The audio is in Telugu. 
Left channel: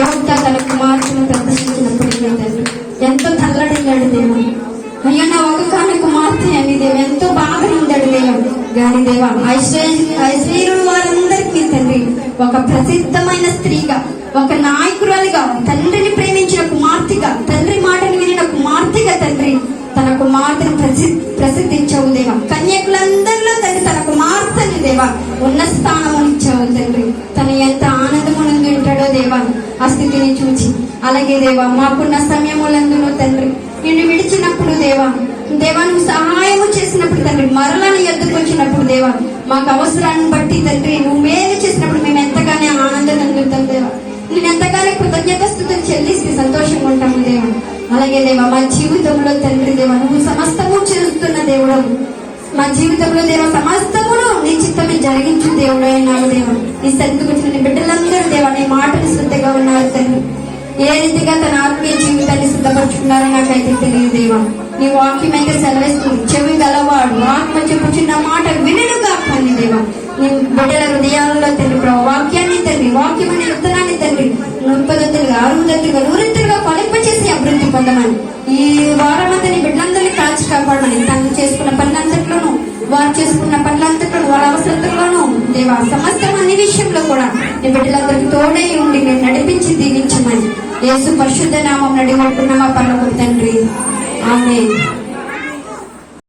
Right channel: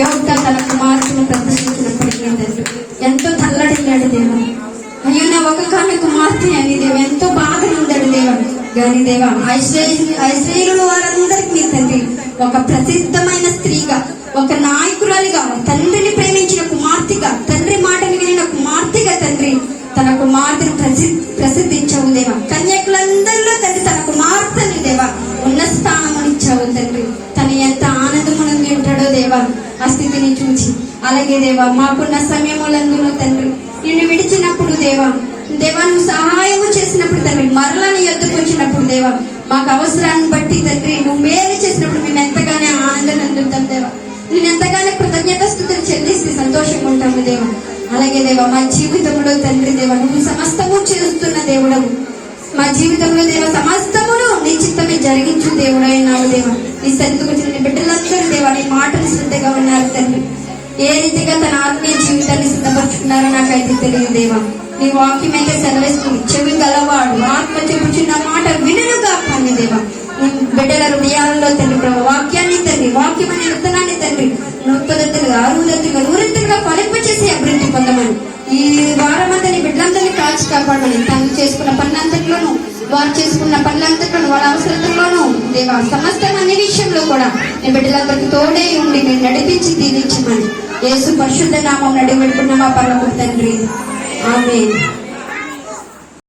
యోగ్య తన కుమార్తెను ప్రతిష్ఠించినప్పటికీ ఎంతో తల్లడిల్లాడు దేవుడు. అయ్యో నా ఒక కుమార్తె అని దేవుడు ఎంతో బాధగా ఉండాడు దేవుడు. కానీ దేవా ఐశ్వర్యులు వారందరికీ తండ్రి ఒక ప్రసిద్ధమైన స్త్రీగా, ఒక నాయకురాలిగా, తండ్రిని ప్రేమించిన కుమార్తెగా, తండ్రి మాటను వినిన కుమార్తెగా తండ్రి తన కుమార్తెను ప్రసిద్ధి ఇచ్చావు దేవా. కన్యకులందరిలో తండ్రి తన కుమార్తెని దేవా ఉన్న స్థానం ఇచ్చావు తండ్రి. తను ఎంత ఆనందమునంది ఉంటాడో దేవా ఆ స్థితిని చూచి. అలాగే దేవా మాకున్న సమయములందులో తండ్రి నిన్ను విడిచినప్పుడు దేవా నువ్వు సహాయము చేసినప్పుడు తండ్రి మరలా నీ యొద్దకు వచ్చినప్పుడు దేవా మాకు అవసరాన్ని బట్టి తండ్రి నువ్వు మేలు చేసినప్పుడు మేము ఎంతగానో ఆనందం అందుతాం దేవా. నేను ఎంతగానో కృతజ్ఞతాస్తుతులు చెల్లిస్తే సంతోషంగా ఉంటాము దేవా. అలాగే దేవా మా జీవితంలో తండ్రి దేవా నువ్వు సమస్తము చేస్తున్న దేవుడవు. మా జీవితంలో దేవా సమస్తమును నీ చిత్తమే జరిగించు దేవుడు అయినావు దేవా. నీ సన్నిధికి వచ్చిన బిడ్డలందరూ దేవా నీ మాటలు శ్రద్ధగా ఉన్నారు తండ్రి. ఏ రీతిగా తన ఆత్మీయ జీవితాన్ని సిద్ధపరుచుకున్నారో నాకైతే తెలియదు దేవా. నీ వాక్యం అయితే సెలవిస్తుంది, చెవి గలవాడు ఆత్మ చెప్పుచున్న మాట వినుగా కానీ దేవా నీ బిడ్డల హృదయాలలో తండ్రి వాక్యాన్ని తండ్రి వాక్యం అనే విత్తనాన్ని తండ్రి 30 60 100 ఫలింపచేసి అభివృద్ధి పొందమని ఈ వారమంతా నీ బిడ్డలందరినీ కాచి కాపాడమని తాను చేసుకున్న పనులంతట్లోనూ వారు చేసుకున్న పనులంతట్లోనూ వారి అవసరంలోనూ దేవా సమస్తం అన్ని విషయంలో కూడా నీ బిడ్డలందరికీ తోడే ఉండి నేను నడిపించి దీవించమని యేసు పరిశుద్ధ నామం నడిపడుతున్నా పరమ తండ్రి. ఆమేన్.